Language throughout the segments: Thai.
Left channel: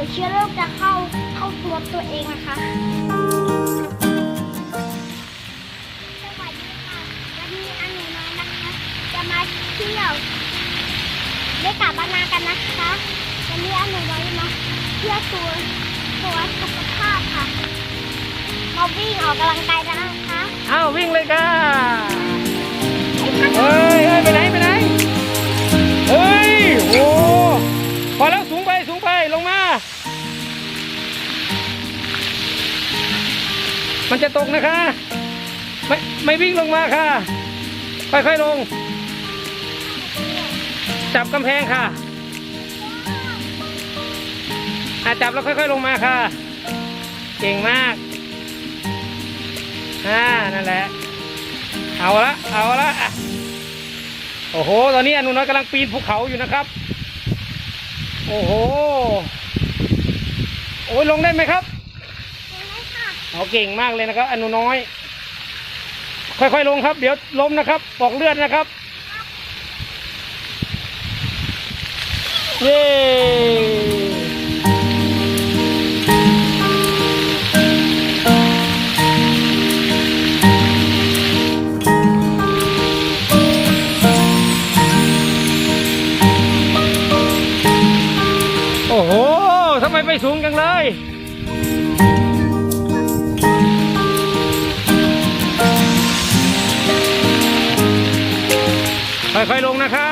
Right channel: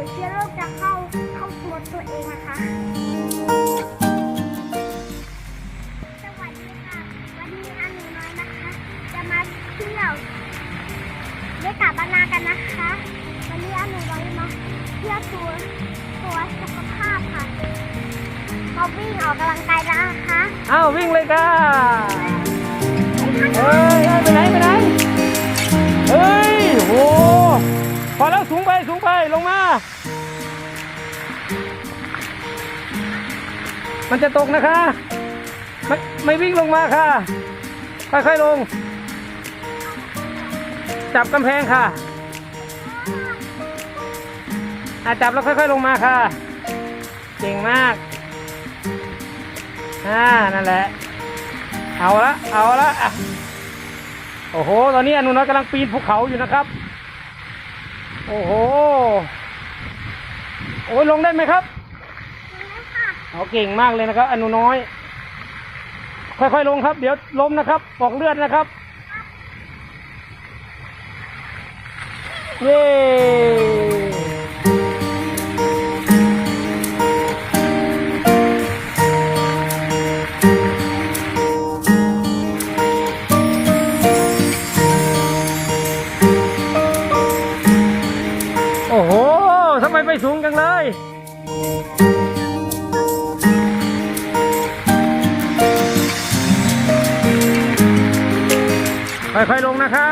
ดี๋ยวเชื้อโรคจะเข้าเข้าตัวตัวเองนะคะสวัสดีค่ะวันนี้อันหนูน้อยนะคะ จะมาเที่ยวเล่นกับบ้านนากันนะคะวันนี้อันหนูน้อยมาเที่ยวตัวตัวสุขภาพค่ะมาวิ่งออกกำลังกายแล้วนะคะอ้าววิ่งเลยค่ะไอ้ท่านเฮ้ยเฮ้ยไปไหนไปไหนเฮ้ยโหพอแล้ว มันจะตกนะคะ ไม่ไม่วิ่งลงมาค่ะ ค่อยๆลง จับกำแพงค่ะอาจับแล้วค่อยๆลงมาค่ะ เก่งมากอ่านั่นแหละ เอาละ เอาละ โอ้โห ตอนนี้อนุน้อยกำลังปีนภูเขาอยู่นะครับ โอ้โห โอ้ยลงได้ไหมครับ เอาเก่งมากเลยนะครับ อนุน้อย ค่อยๆลงครับ เดี๋ยวล้มนะครับปอกเลือดนะครับเย้โอ้โห ทำไมไปสูงจังเลย ค่อยๆลงนะคะ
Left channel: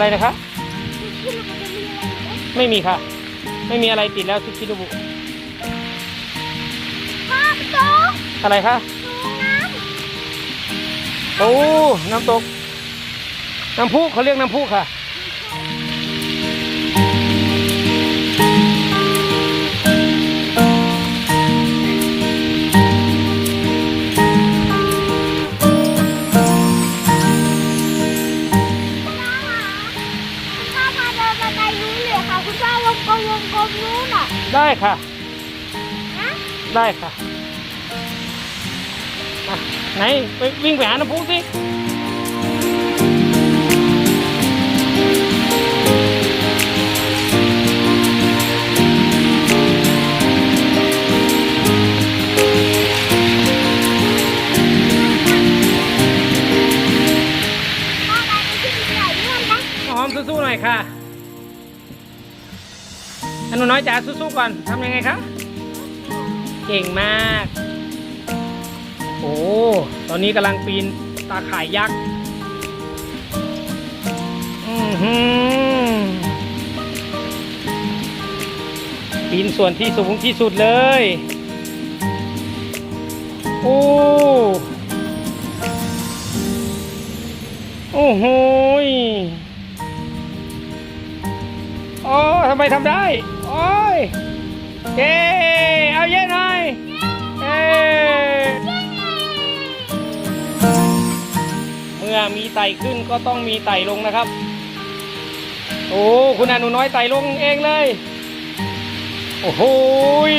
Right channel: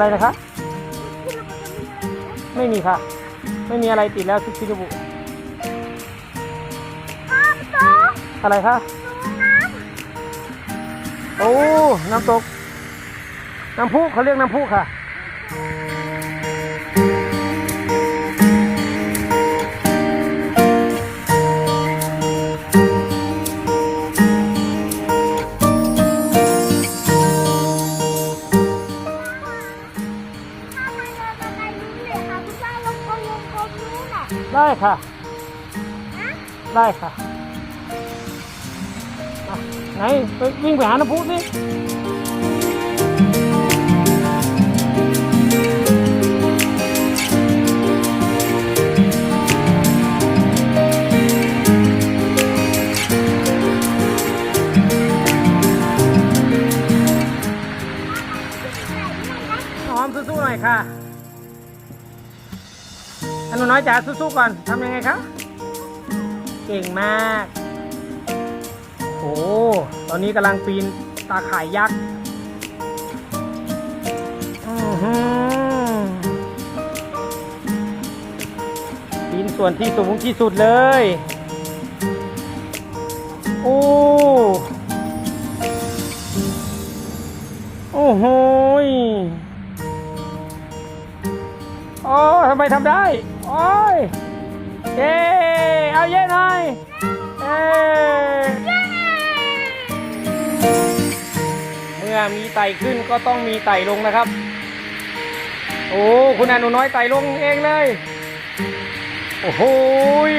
อะไรอะไรนะครับที่เราจะมีอะไรอยู่นะไม่มีค่ะ ไม่มีอะไรติดแล้วทุกชิโนบุพ่อโตกอะไรคะดูน้โอ้ น้ำตก น้ำพุเขาเรียกน้ำพุค่ะ ค่ะนะได้ค่ะอะไหนไปวิ่งไปหาน้ำพุสิพ่อมาที่ใหญ่ด้วยนะหอมสู้ๆหน่อยค่ะ อนุน้อยจ๋าสู้ๆก่อนทำยังไงครับเก่งมาก โอ้ตอนนี้กำลังปีนตาข่ายยักษ์อือหือปีนส่วนที่สูงที่สุดเลย โอ้โอ้โหโอ้ทำไมทำได้ โอ้ยเย้เอาเย้หน่อยเอ้เมื่อมีไต่ขึ้นก็ต้องมีไต่ลงนะครับ โอ้คุณอนุน้อยไต่ลงเองเลย โอ้โหย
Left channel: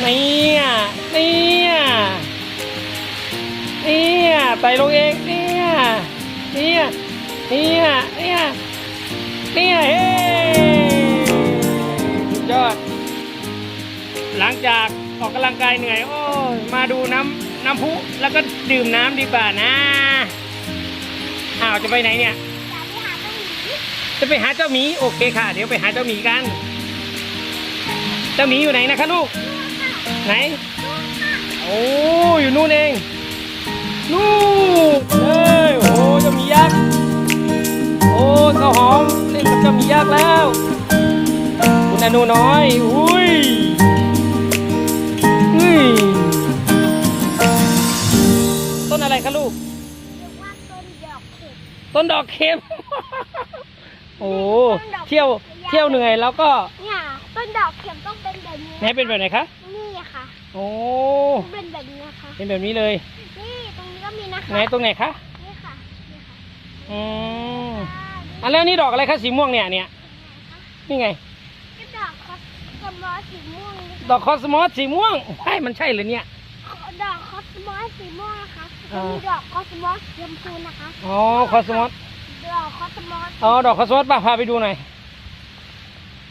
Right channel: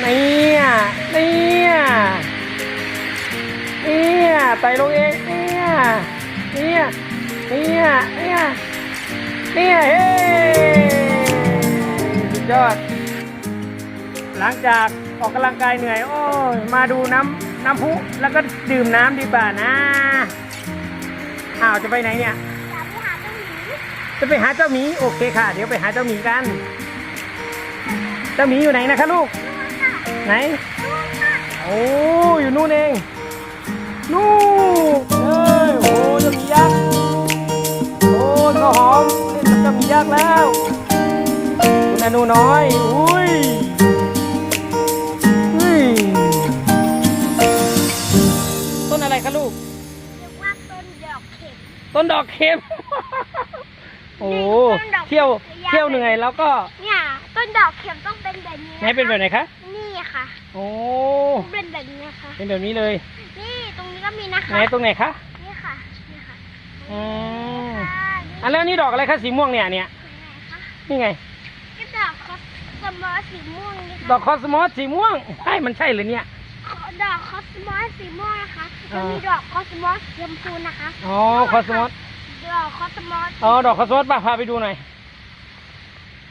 เนี่ยเนี่ยเนี่ยไต่ลงเองเนี่ยเนี่ยเนี่ยเนี่ยเนี่ยเฮ้ ยอด หลังจากออกกำลังกายเหนื่อย โอ้ยมาดูน้ำน้ำพุแล้วก็ดื่มน้ำดีกว่านะอ้าวจะไปไหนเนี่ยอย่าไปหาเจ้าหมีจะไปหาเจ้าหมีโอเคค่ะ เดี๋ยวไปหาเจ้าหมีกัน เจ้าหมีอยู่ไหนนะคะลูก ไหน โอ้อยู่นู่นเอง นู่น คุณอนุน้อยอุ้ยอืมต้นอะไรคะลูกเรียกว่าต้นดอกเข็มต้นดอกเข็มโอ้เที่ยวเที่ยวเหนื่อยแล้วก็เนี่ยต้นดอกเข็มต้องเป็นแบบนี้ไหนเป็นแบบไหนคะนี่ค่ะโอ้เป็นแบบนี้ค่ะเป็นแบบนี้เลย นี่ตรงนี้ก็มีนะคะไหนตรงไหนคะนี่ค่ะนี่ค่ะอืมค่ะอันแล้วนี่ดอกอะไรคะสีม่วงเนี่ยเนี่ยนี่ไงคะ นี่ไง ก็ดอกคอ สมอสสีม่วงนี่ค่ะดอกคอสมอสสีม่วงใช่มันใช่เลยเนี่ย ดอกคอสมอสสีม่วงนะคะอ๋มันอมีดอกคอสมอสสีชมพูนะคะอ๋อคอสมอสดอกคอสมอสอ๋อดอกคอสมอสป่ะพาไปดูหน่อย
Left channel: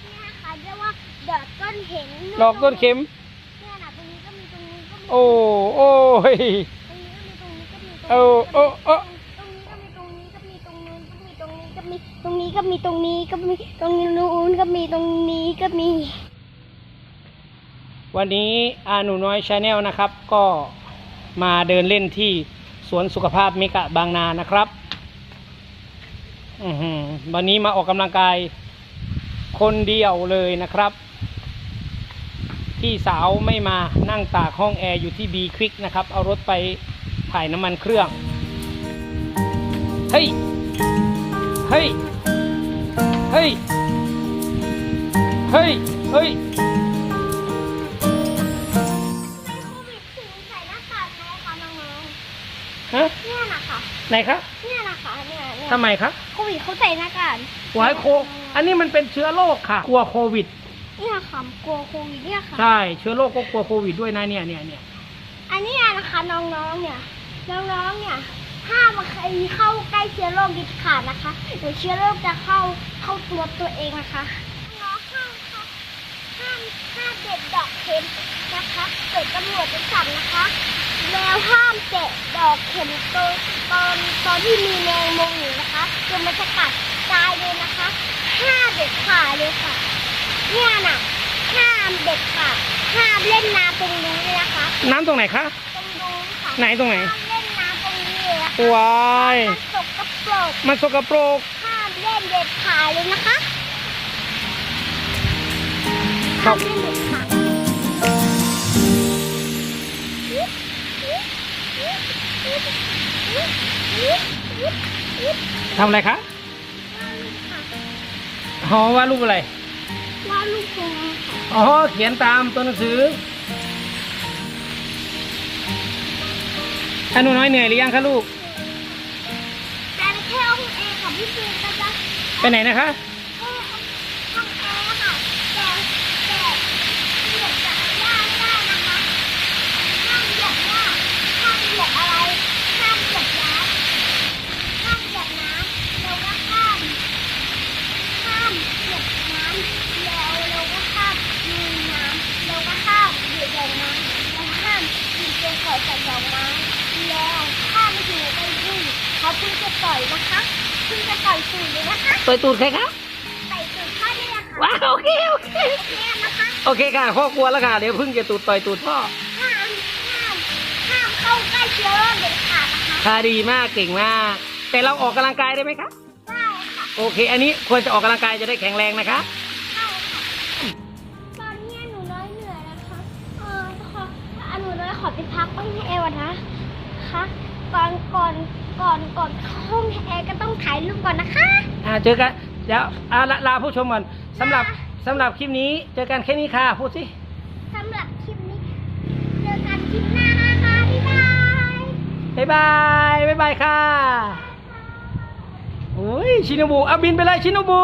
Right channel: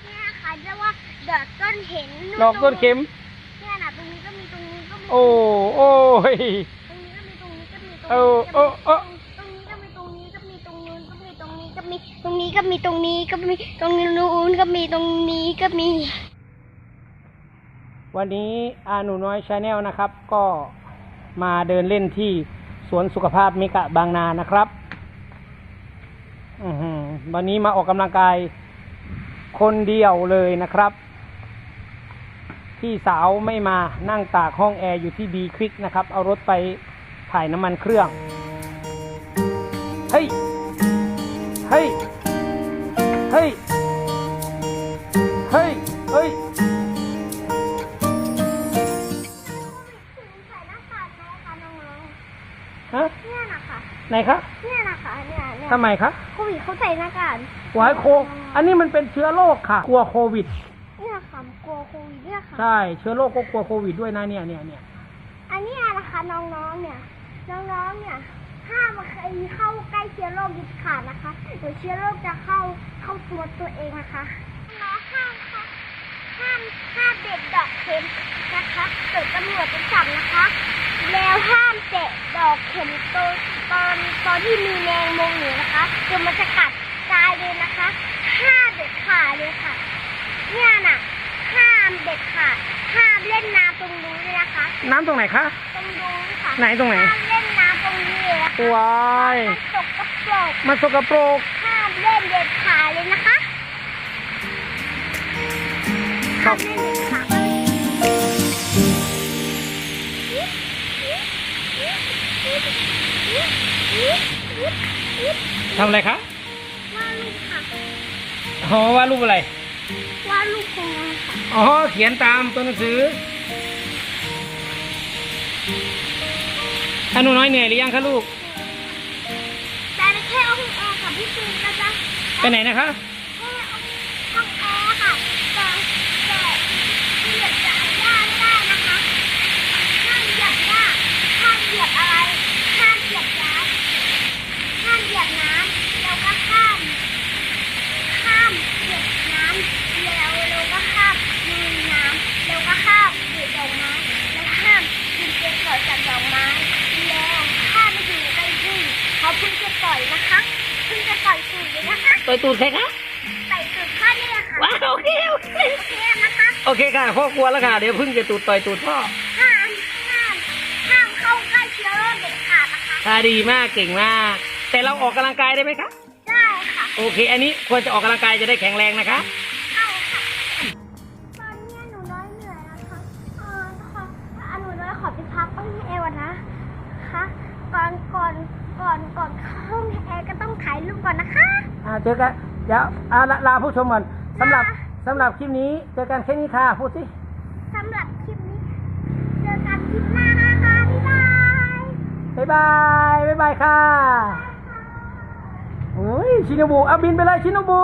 เนี่ยค่ะเรียกว่าดอกต้นเข็มดอกต้นเข็ม เนี่ยนะตรงนี้ก็มีตรงนี้ก็มีโอ้โอ้ย ตรงนี้ก็มีตรงนี้ก็มีตรงโอ้โอ้โอ้ ตรงนี้ก็มีตรงนี้ก็มีตรงนู้นก็มีตรงนี้ก็มีตรงนี้ก็มีตรงนี้ก็มีตรงนู้นก็มีตรงนี้ก็มี วันนี้อาหนูน้อยชาแนลนะครับ ก็มาเดินเล่นที่สวนสุขภาพเมกะบางนานะครับวันนี้มาออกกำลังกายคนเดียวเลยนะครับ พี่สาวไม่มานั่งตากห้องแอร์อยู่ที่บีควิกนะครับ เอารถไปถ่ายน้ำมันเครื่อง เฮ้ย เฮ้ย เฮ้ย เฮ้ย เฮ้ย ฮะๆเนี่ยนะคะไหนคะเนี่ยนะคะเนี่ยเนี่ยทำไมคะโควิดเขาใส่หน้ากากวายโค อันนี้มันเป็นเชื้อโรคค่ะ กลัวโควิดเนี่ยค่ะกลัวโควิดเนี่ยค่ะ ใช่เชื้อโรคก็กลัวโควิดด้วยนะเนี่ยเนี่ยเนี่ยอันนี้นะคะน้องๆเนี่ยน้องๆเนี่ยห้ามใครเข้าใกล้เชื้อโรคเด็ดขาดนะคะเดี๋ยวเชื้อโรคจะเข้าเข้าตัวตัวเองนะคะน้องห้ามค่ะ ห้ามห้ามเด็ดดอกเข็มนะคะเกิดตำรวจจะจับนะคะ แล้วห้ามเตะดอกเข็มตอนตอนตอนที่มีแมงมุมอยู่นะคะเดี๋ยวมันจะกัดตายเลยนะคะห้ามเด็ดขาดเลยค่ะ เนี่ยน่ะห้ามเด็ดขาดห้ามเล่นน้ำตรงนี้เลยนะคะ น้ำตรงไหนคะ ตรงนู้นค่ะไหนตรงไหน ห้ามเล่นน้ำตรงนี้เลยนะคะวาย มันสกปรกมันสกปรกห้ามเล่นเด็ดขาดเลยนะคะ ครัห้าบมเล่นเด็ดขาดทำอะไรคะว่าลูกค่ะอ๋อว่าดรูปอะไรว่าลูกคงค่ะอ๋อ เขียนตามตัวหนังสือถ้าหนูน้อยเหนื่อยหรือยังคะลูก แต่แค่ห้องแอร์กับพี่จูนก็จะ ไปไหนนะคะ แค่ห้องแอร์ค่ะแต่แต่เหยียบหญ้าไม่ได้นะคะ ห้ามเหยียบหญ้าห้ามเห ยียบอะไร ห้ามเหยียบน้ำห้ามเหยียบน้ำแล้วก็ห้ามห้ามเหยียบน้ำแล้วเราก็ห้ามลุยน้ำแล้วก็ห้ามดูดอกไม้แล้วห้ามกินเกสรจากดอกไม้ แล้วห้ามไม่อยู่ใกล้พึ่งเขาเพิ่งจะต่อยนะคะพิ่งจะต่อยสูดเลยนะคะต่อยตูดใครคะต่อยสูดข้านี่แหละค่ะว้าวโอเคโอเคโอเคนะคะโอเคค่ะพ่อกลัวแล้วค่ะเดี๋ยวพึ่งจะตูดต่อยตูดพ่อ เข้าใกล้เชื้อโรคเด็ดขาดนะคะค่ะดีมากเก่งมาก แต่เราออกกำลังกายได้ไหมคะได้ค่ะโอเค อันนี้ควรจะออกกำลังกายจะได้แข็งแรงนะคะเข้าค่ะตอนนี้หนูน้อยเหนื่อยนะคะเออขออะหนูน้อยขอไปพักห้องแอร์ก่อนนะคะก่อนก่อนก่อนก่อนเข้าห้องแอร์ก็ต้องถ่ายรูปก่อนนะคะอ่าเจอกันเดี๋ยวอ่าลาลาผู้ชมก่อนสำหรับสำหรับคลิปนี้เจอกันแค่นี้ค่ะพูดสิสำหรับคลิปนี้ เจอกันคลิปหน้านะคะ บ๊ายบายบ๊ายบายค่ะโอ้ยชินบุเอาบินไปเลยชินบุ